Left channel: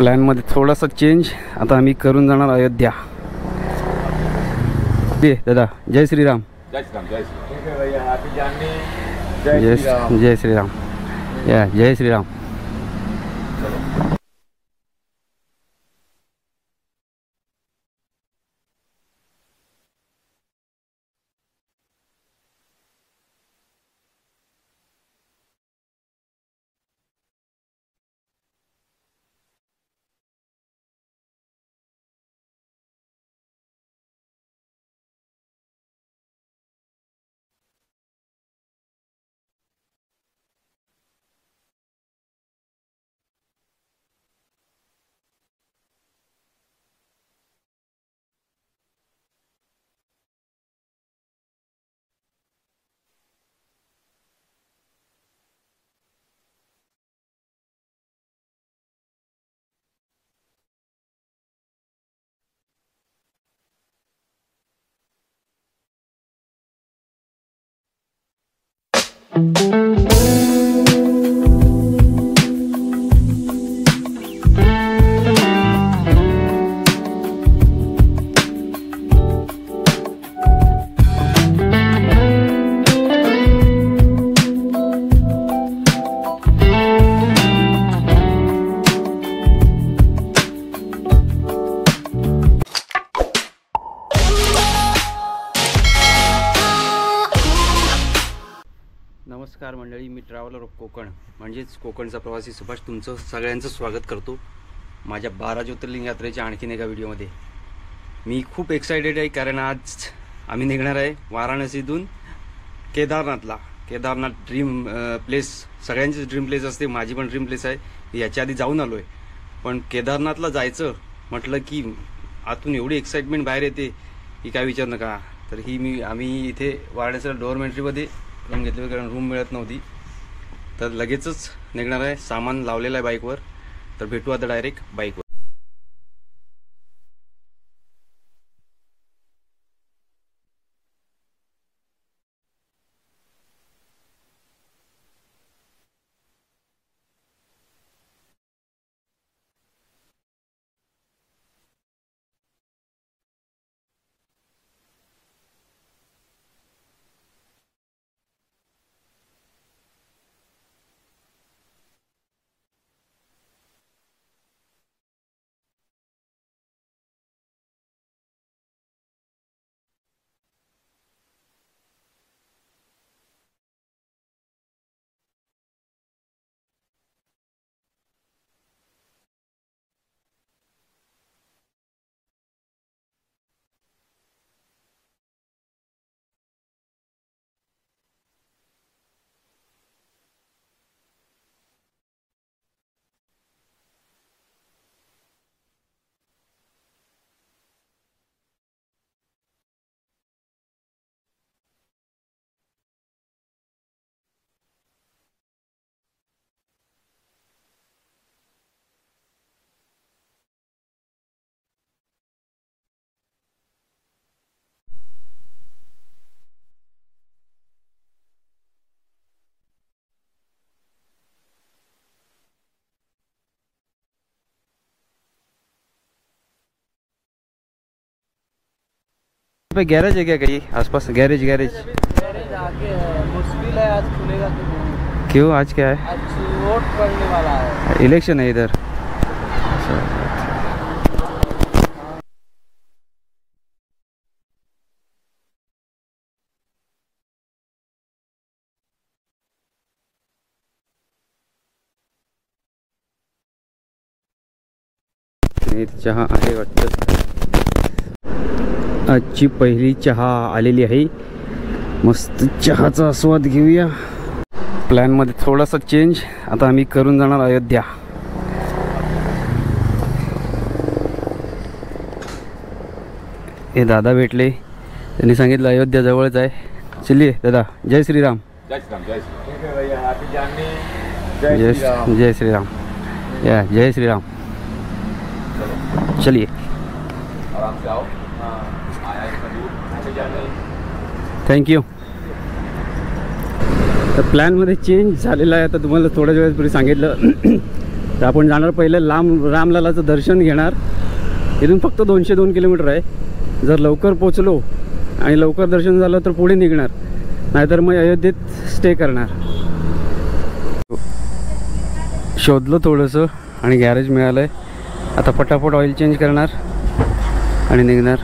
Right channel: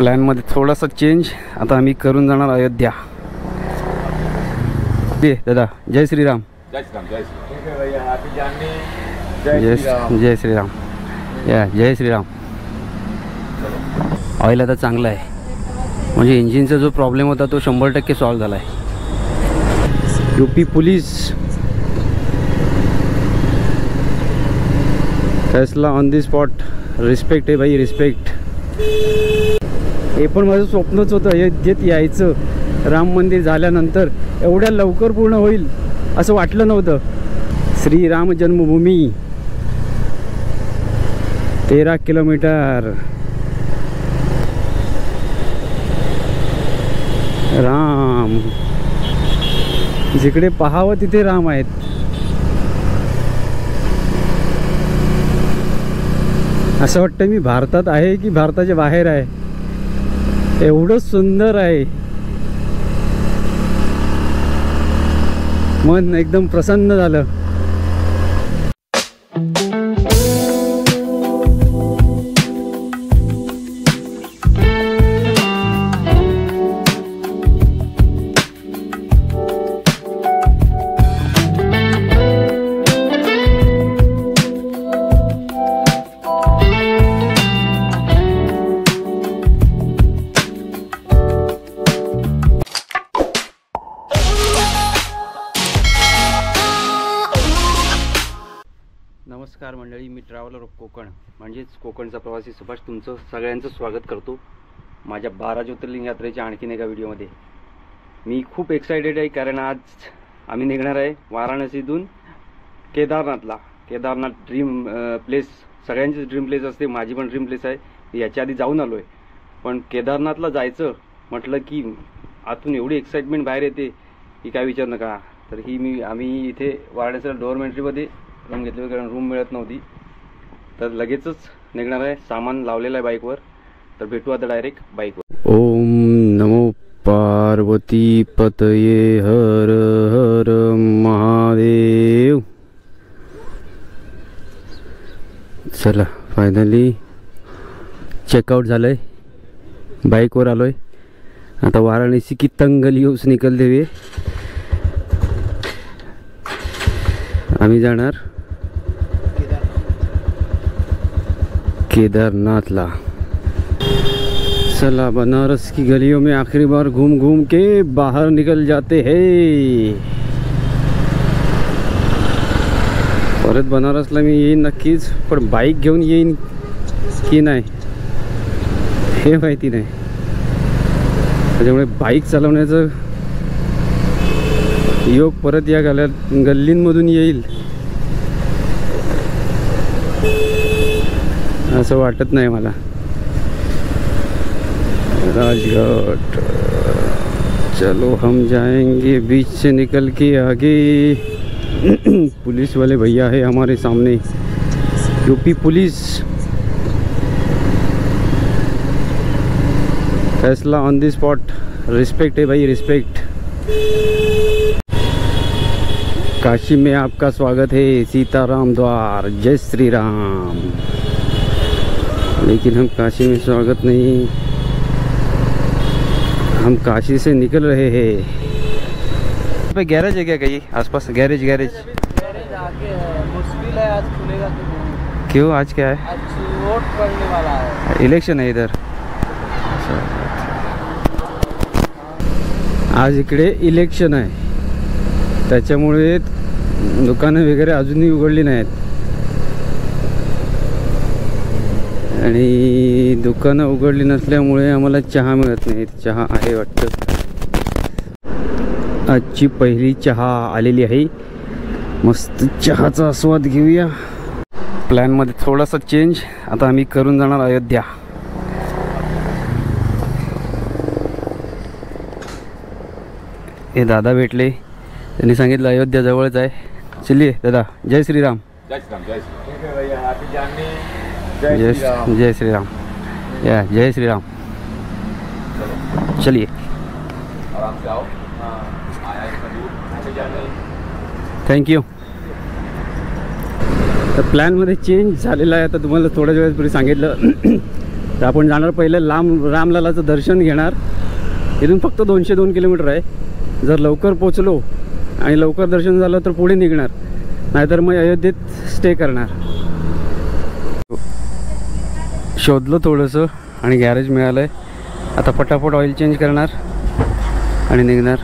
प्लॅनमध्ये थोडासा चेंज. आता आम्ही करून जाणार अयोध्या. दादा जय श्रीराम. जय श्रीराम. जय श्रीराम. जय श्रीराम. या जय श्रीराम. ऑइल आता चांगला आहे, म्हणजे इंजिनचा जो प्रॉब्लेम होता तो 100% सॉल्व झाला आहे. यूपी पोलीस फैसला ऑन दी स्पॉट. रिस्पेक्ट आहे भाई, रिस्पेक्ट. हे पण माझं स्वप्नच होतं अयोध्येत यायचं. राम मंदिर झाल्यानंतर एवढ्या लवकर पूर्ण होईल असं वाटलं नव्हतं. श्रीराम जन्मभूमी 13 किलोमीटर. राम जिकडे पाहावं तिथे राम आहेत. असं वाटतं मी भारतात आहे की भारताच्या बाहेर आहे. एवढं सुंदर आहे, मन एकदम प्रसन्न झालं. नमस्कार मंडळी, मी ट्रॅव्हलर ऑफ कोकण म्हणजेच कोकणचा प्रवासी सुभाष तुमचं सगळ्यांचं स्वागत करतो माझ्या 12 ज्योतिर्लिंग यात्रेच्या आणखीन एका व्हिडिओमध्ये. मी खूप एक्सायटेड आहे कारण आज आम्ही निघणार आहे वाराणसीतून केदारनाथला. केदारनाथ ड्रीम प्लेस, सगळ्यांचीच ड्रीम प्लेस असते, माझी पण ड्रीम प्लेस आहे. मी याच्या आधी जाऊन आलो आहे, पण केदारनाथला जायचं म्हटलं की आतून एवढी एक्साइटमेंट बाहेर येते की काय विचार नका. तर आम्ही इथे वाराणसीला डोअर एंट्रीमध्ये रूम घेतली कारण रूम मिळत नव्हती, तर लगेचच निघणार आहे. सामान लावलेलं आहे बाईकवर, तर भेटू आता डायरेक्ट बाईकवर. ओम नमो पार्वती पतये हर हर महादेव. चला फायनली चेकआउट झालंय, बाईकवर आलोय. आता वाराणसी की तंगलियों से निकलते हुए आम्ही जाणार केदारनाथला. चला बनारस की गलियों में आखिरी बार घूम घूम के बाहर निकल जाते हैं. परत बनारसला मी येईन नक्कीच, पण बाईक घेऊन येईन की नाही हे माहिती नाही. त्याच्यामुळे बाईक चालवण्याचं योग परत या गल्लींमधून येईल असं वाटत नाही मला. राजघाट चलो हम जाएंगे बीच से निकल के आगे. पुलिस वाले भैया है हमारे सामने, यूपी पुलिस. फैसला ऑन दी स्पॉट. रिस्पेक्ट है भाई, रिस्पेक्ट. काशी में आपका स्वागत है, सीताराम द्वार. जय श्री राम. लेकिन हम काशी में स्वागत नहीं, हम काशी से निकल रहे हैं. पे गैरेज है क्या कहीं आसपास? गैरेज आगे है, मुश्किल है आज खुलेगा तो. क्यों, आज क्या है? आज वोट पड़ने वाला है, इलेक्शन है इधर. आज इकडे इलेक्शन आहे, त्याच्यामुळे दुकानं वगैरे अजूनही उघडली नाहीत. आणि दुकानं उघडली नसल्यामुळे आम्हाला चहा मिळत नाही. चहा आहे वाटतं. आजची पहिली चहा आलेली आहे, मस्त चहाचा आस्वाद घेऊया. प्लॅनमध्ये थोडासा चेंज. आता आम्ही करून जाणार अयोध्या. हे दादा भेटले, त्यांनी सांगितलं अयोध्या जवळच आहे. चलिए दादा. जय श्रीराम. जय श्रीराम. जय श्रीराम. जय श्रीराम. या जय श्रीराम. चलिए आराम से आओ. थँक्यू. तर प्लॅनमध्ये चेंज झालेला आहे. आता तुम्हाला थोड्या वेळापूर्वी सांगितलं तर आपण जाणार पहिले रामललाचं दर्शन घेणार. इथून फक्त 202 किलोमीटर आहे. जर लवकर पोचलो आणि लवकर दर्शन झालं तर पुढे निघणार, नाहीतर मग अयोध्येत स्टे करणार. शोधलं थोडंसं आणि गॅरेज मिळालं आहे. आता पटापट ऑइल चेंज करणार आणि निघणार.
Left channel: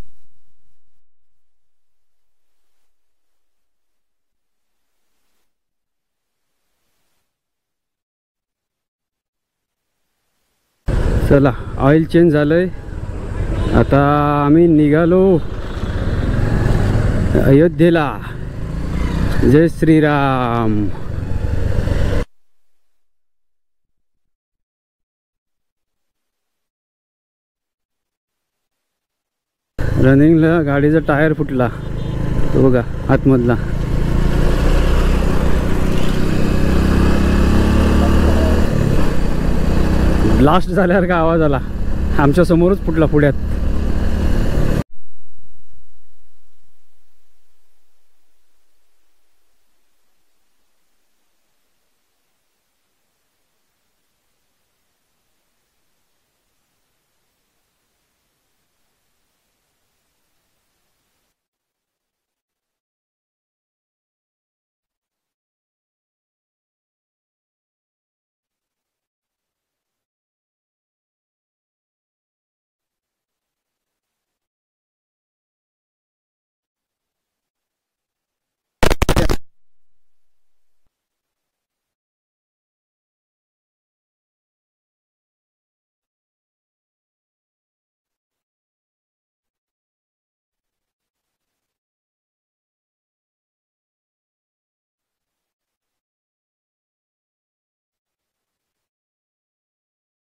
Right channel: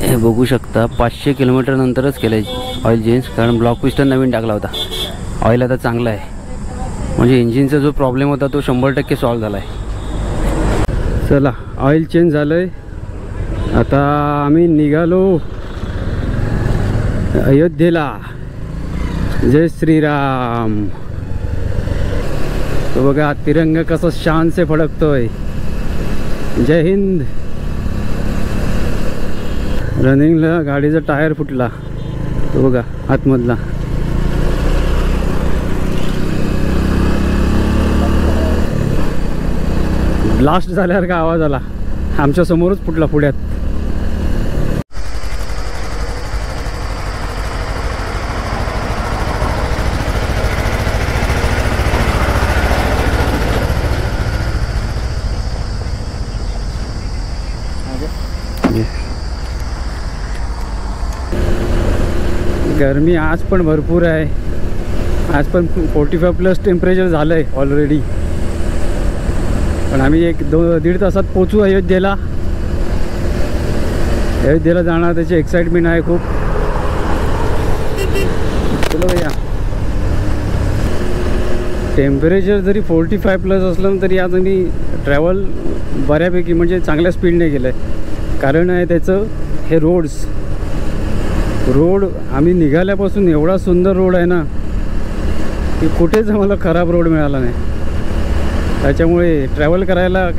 हे बघू शकता 500 किलोमीटर नंतरच केलं आहे ऑइल चेंज, कारण ब्लॉक पिस्टन नवीन टाकला होता. ऑइल आता चांगला आहे, म्हणजे इंजिनचा जो प्रॉब्लेम होता तो 100% सॉल्व झाला आहे. चला ऑइल चेंज झालं आहे. आता आम्ही निघालो अयोध्येला. जय श्रीराम. तो बघा तिरंगा कसा शान से फडकतोय. जय हिंद. रनिंगला गाडीचा टायर फुटला, तो बघा आतमधला. ब्लास्ट झाल्यावर का आवाज आला, आमच्या समोरच फुटला पुढ्यात. गरमी आज पण भरपूर आहे. आज पण 45+ टेम्परेचर झालं आहे ऑलरेडी. पण आम्ही 1-1.5 तासात पोचू अयोध्येला. अयोध्येला जाणार त्याची एक्साइटमेंट आहे खूप. चलो भैया. टेम्परेचर जरी 45+ असलं तरी आज आम्ही ट्रॅव्हल बऱ्यापैकी म्हणजे चांगल्या स्पीडने केलं आहे. कारण आहे त्याचं हे रोड आम्ही निघाल्यापासून एवढा सुंदर रोड आहे ना की कुठेच आम्हाला खराब रोड मिळाला नाही. त्याच्यामुळे ट्रॅव्हल करायला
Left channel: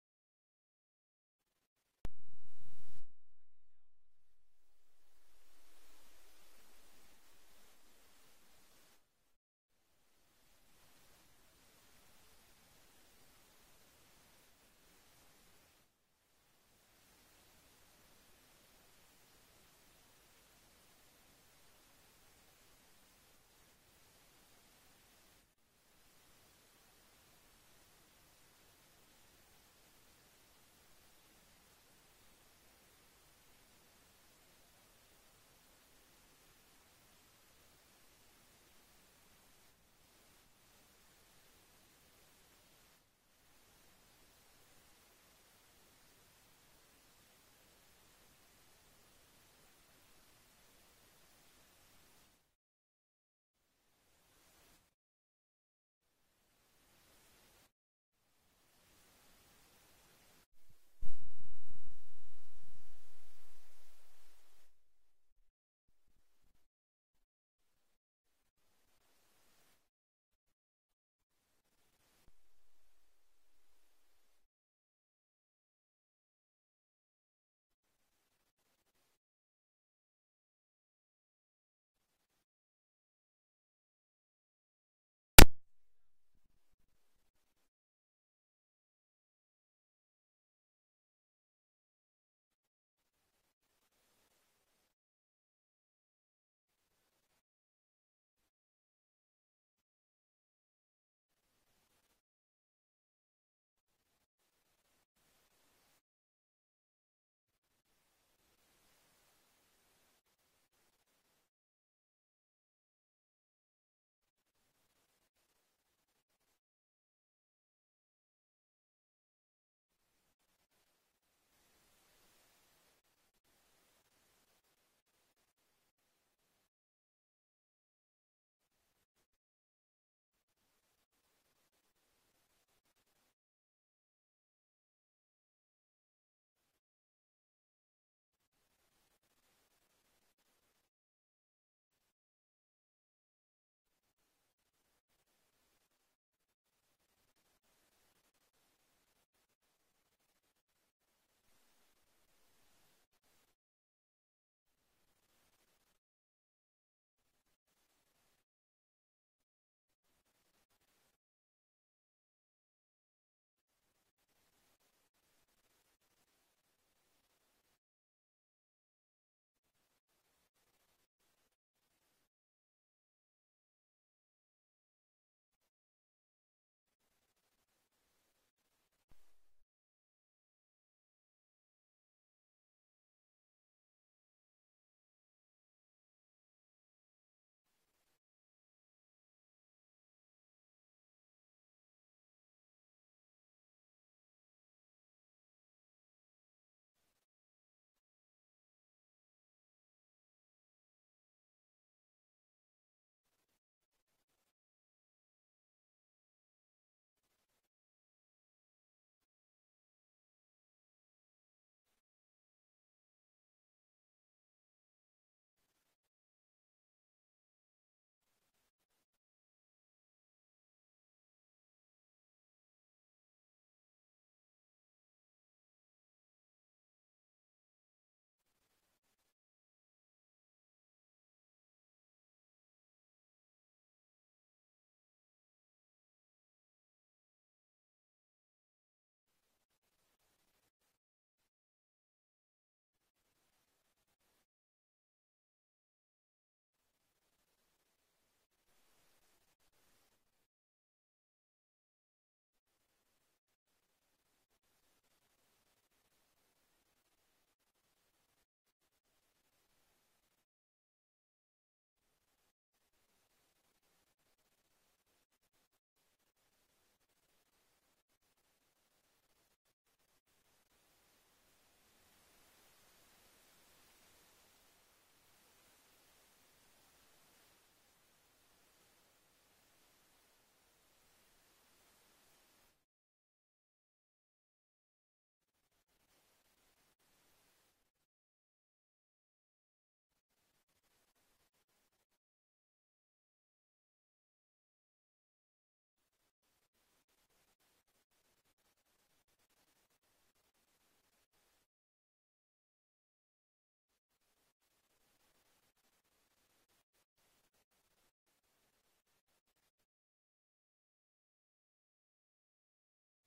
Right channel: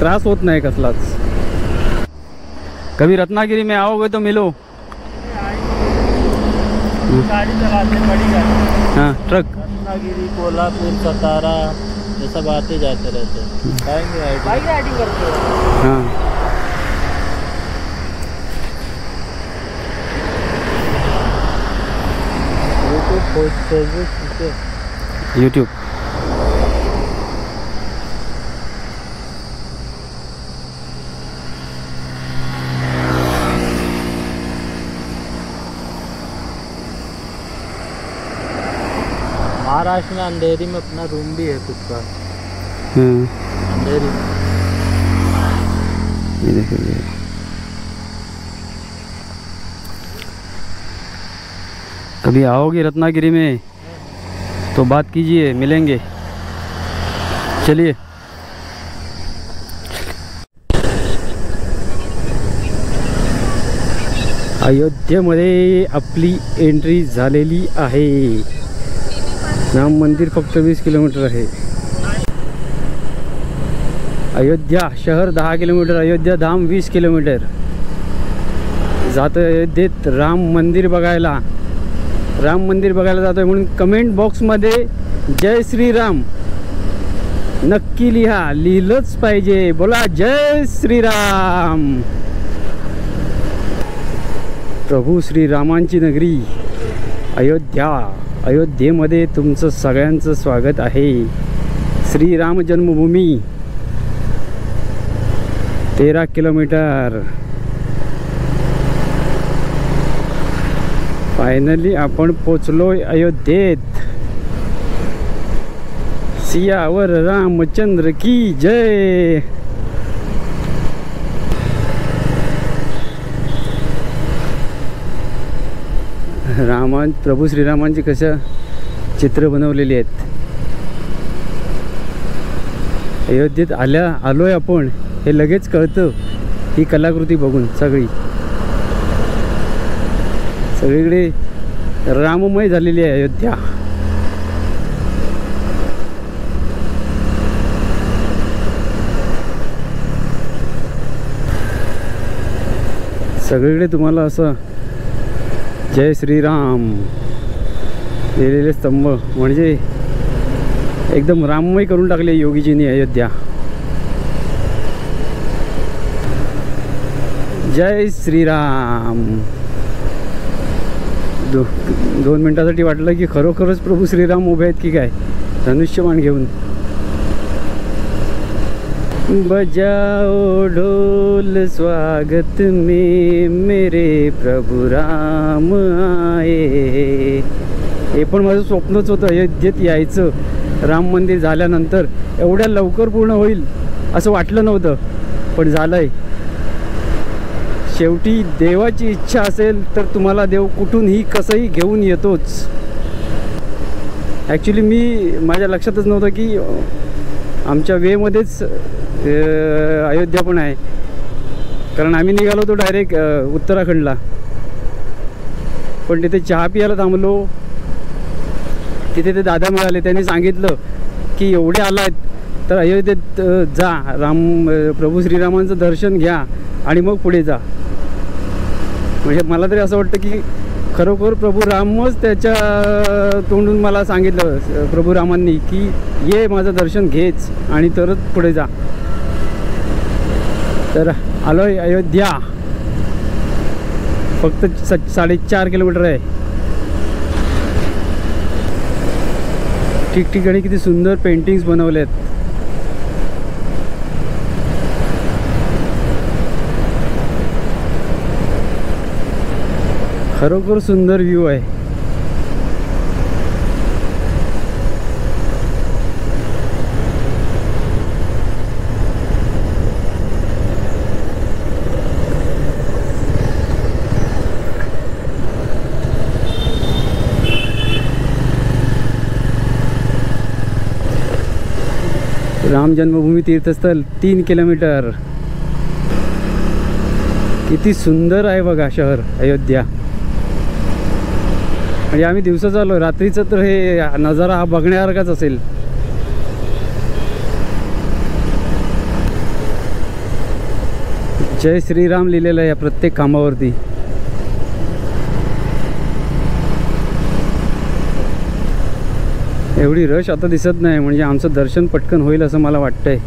त्रास होत नाही कसलाच. कभी रत्नागिरी में आओगे तो मिलो. गाड़ी चलाते बड़ी गाड़ी. हाँ ट्रक. रत्नागिरी, कोल्हापुर, सतारा ये सब आते जाते रहते हैं. बाइक राइडिंग करते हो? हाँ. यूट्यूब. महाराष्ट्र में अंधेरी में अपना रूम भी है खुद का. अंधेरी. ये देखिए. कभी आओगे रत्नागिरी में तो बात कीजिए, मिलेंगे. चलिए. अयोध्येमध्ये आपली एंट्री झालेली आहे. राम मंदिर फक्त 20 किलोमीटर आहे. अयोध्या शहर 10 किलोमीटर, अयोध्या धाम 20 किलोमीटर. जातो अयोध्येत राम मंदिर बघायला. राम मंदिर बघायला जातोय म्हणून कमेंट बॉक्समध्ये जय श्रीराम नक्की लिहा. लिहिलंच पाहिजे. बोला जय श्रीराम. प्रभू श्रीरामांची नगरी अयोध्या. अयोध्येमध्ये तुमचं सगळ्यांचं स्वागत आहे. श्रीराम जन्मभूमी 13 किलोमीटर. फायनली आपण पोचलोय अयोध्येत. सियावर रामचंद्र की जय. प्रभू श्रीरामांची कशा चित्र बनवलेली आहेत. अयोध्येत आलोय आपण हे लगेच कळतं ही कलाकृती बघून. सगळीकडे राममय झालेली आहे अयोध्या. सगळीकडे तुम्हाला असं जय श्रीराम लिहिलेले स्तंभ, म्हणजे एकदम राममय करून टाकले योगीजींनी अयोध्या. जय श्रीराम. 2 मिनिटासाठी वाटलं की खरोखरच प्रभू श्रीराम उभे आहेत की काय धनुष्यबाण घेऊन. बजाओ ढोल स्वागत में मेरे प्रभु राम आए. हे पण माझं स्वप्नच होतं अयोध्येत यायचं. राम मंदिर झाल्यानंतर एवढ्या लवकर पूर्ण होईल असं वाटलं नव्हतं, पण झालंय. शेवटी देवाची इच्छा असेल तर तुम्हाला देव कुठूनही कसंही घेऊन येतोच. ॲक्च्युली माझ्या लक्षातच नव्हतं की आमच्या वेमध्येच अयोध्या पण आहे, कारण आम्ही निघालो होतो डायरेक्ट उत्तराखंडला. पण तिथे चहा पियाला थांबलो. तिथे ते दादा मिळाले. त्यांनी सांगितलं की एवढे आला आहेत तर अयोध्येत जा, प्रभू श्रीरामांचं दर्शन घ्या आणि मग पुढे जा. म्हणजे मला तरी असं वाटतं की खरोखर प्रभू रामच त्याच्या तोंडून मला सांगितलं, प्रभू रामांनी, की ये माझं दर्शन घेच आणि तरच पुढे जा. तर आलोय अयोध्या. फक्त 4.5 किलोमीटर आहे. ठिकठिकाणी किती सुंदर पेंटिंग्स बनवले आहेत. खरोखर सुंदर व्ह्यू आहे. राम जन्मभूमी तीर्थस्थळ 3 किलोमीटर. किती सुंदर आहे बघा शहर अयोध्या. म्हणजे आम्ही दिवसाच आलो, रात्रीचं तर हे नजारा हा बघण्यासारखाच असेल. जय श्रीराम लिहिलेलं आहे या प्रत्येक खांबावरती. एवढी रश आता दिसत नाही, म्हणजे आमचं दर्शन पटकन होईल असं मला वाटतंय.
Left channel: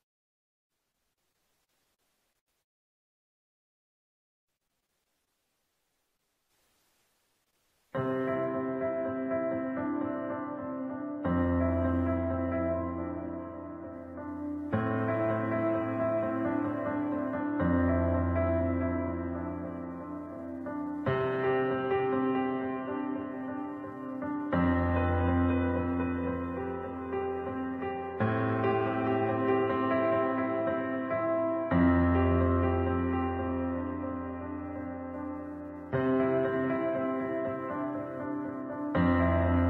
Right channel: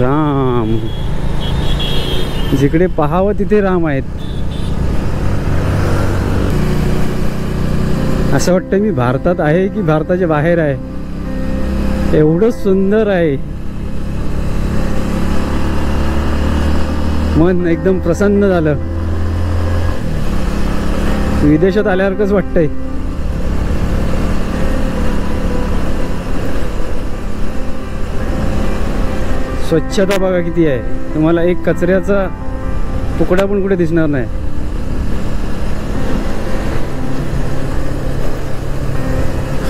राम, जिकडे पाहावं तिथे राम आहेत. असं वाटतं मी भारतात आहे की भारताच्या बाहेर आहे. एवढं सुंदर आहे. मन एकदम प्रसन्न झालं. विदेशात आल्यासारखंच वाटतंय. स्वच्छता बघा किती आहे. तुम्हाला एक कचऱ्याचा तुकडा पण कुठे दिसणार नाही.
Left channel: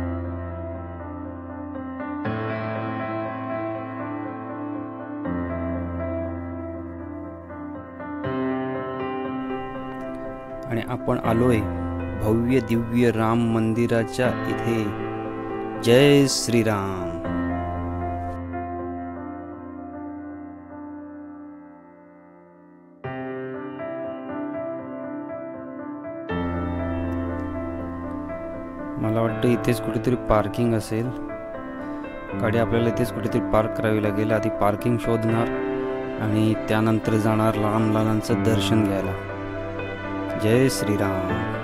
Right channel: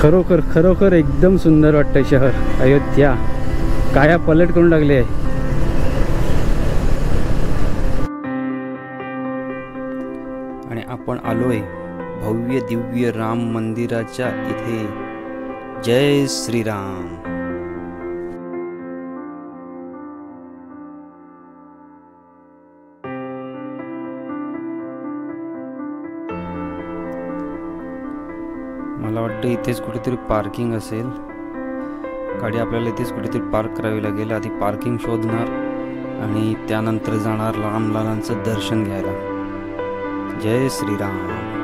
खरोखर खरोखर एकदम सुंदर वाटतंय शहर अयोध्या. काया पलट करून लागली आहे. आणि आपण आलोय भव्य दिव्य राम मंदिराच्या इथे. जय श्रीराम. मला वाटतं इथेच कुठेतरी पार्किंग असेल. गाडी आपल्याला इथेच कुठेतरी पार्क करावी लागेल. आधी पार्किंग शोधणार आणि त्यानंतर जाणार रामलालांचं दर्शन घ्यायला. जय श्रीराम.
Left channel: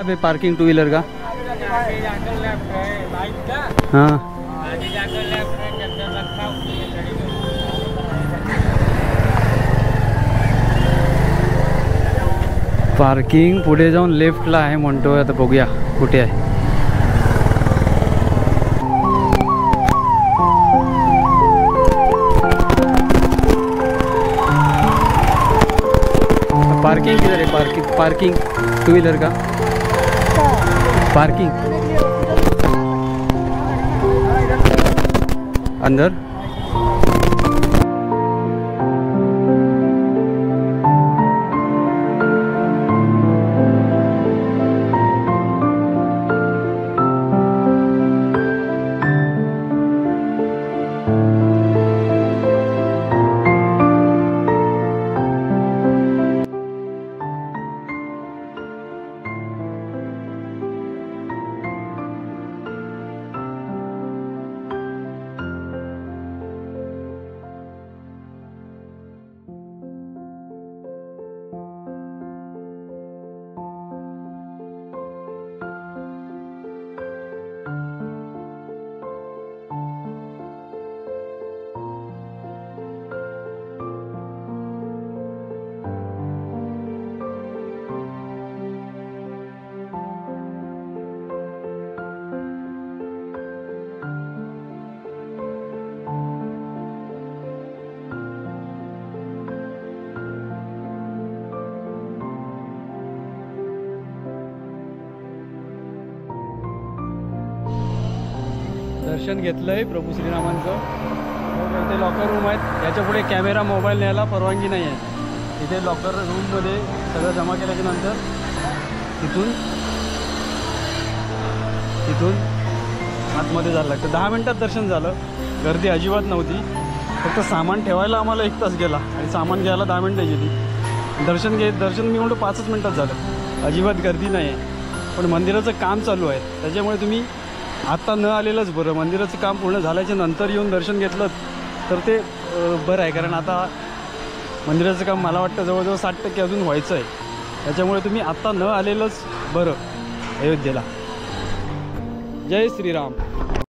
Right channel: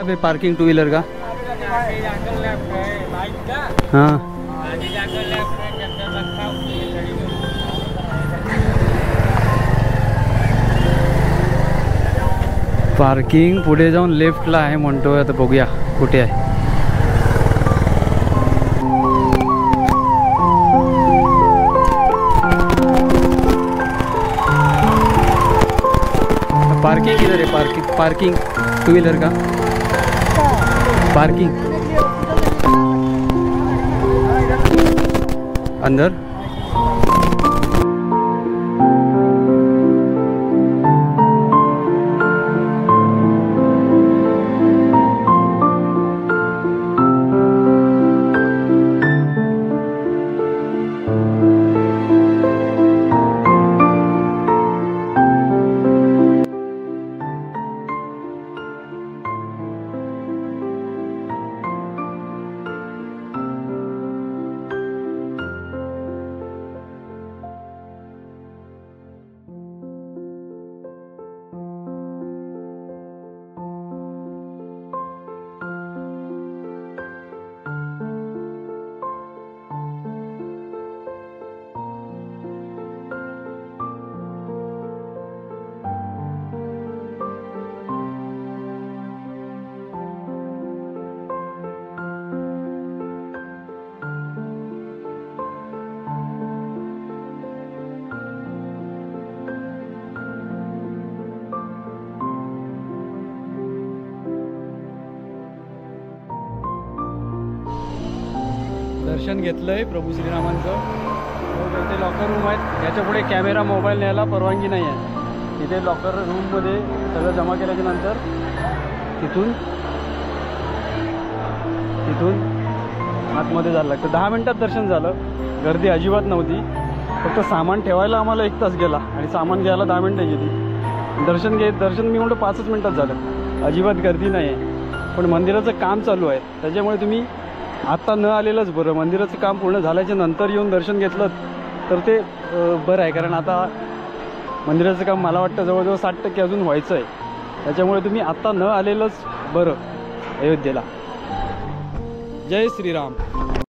अबे पार्किंग 2 व्हीलर का? हाँ पार्किंग पुढे जाऊन लेफ्टला आहे म्हणतोय. आता बघूया कुठे आहे. पार्किंग किधर है? पार्किंग 2 व्हीलर का पार्किंग अंदर. दर्शन घेतलं आहे प्रभू श्रीरामांचं. इथे लॉकर रूम आहेत. याच्या पुढे कॅमेरा मोबाईल न्यायला परवानगी नाही आहे. इथे लॉकर रूममध्ये सगळं जमा केल्याच्या नंतर तिथून आतमध्ये जायला लागतं. 10 मिनटात दर्शन झालं. गर्दी अजिबात नव्हती. फक्त सामान ठेवायला आम्हाला 1 तास गेला आणि सामान घ्यायला 10 मिनटं गेली. दर्शन मी म्हणतो 5च मिनटात झालं. अजिबात गर्दी नाही आहे. पण मंदिराचं काम चालू आहे त्याच्यामुळे तुम्ही आत्ता न आलेलंच बरं. मंदिराचं काम पूर्ण झाल्याच्या नंतर येऊन दर्शन घेतलं तर ते बरं आहे. कारण आता मंदिराचं काम मला वाटतं जवळजवळ 60% अजून व्हायचं आहे. त्याच्यामुळे तुम्ही आत्ता न आलेलंच बरं अयोध्येला. जय श्रीराम.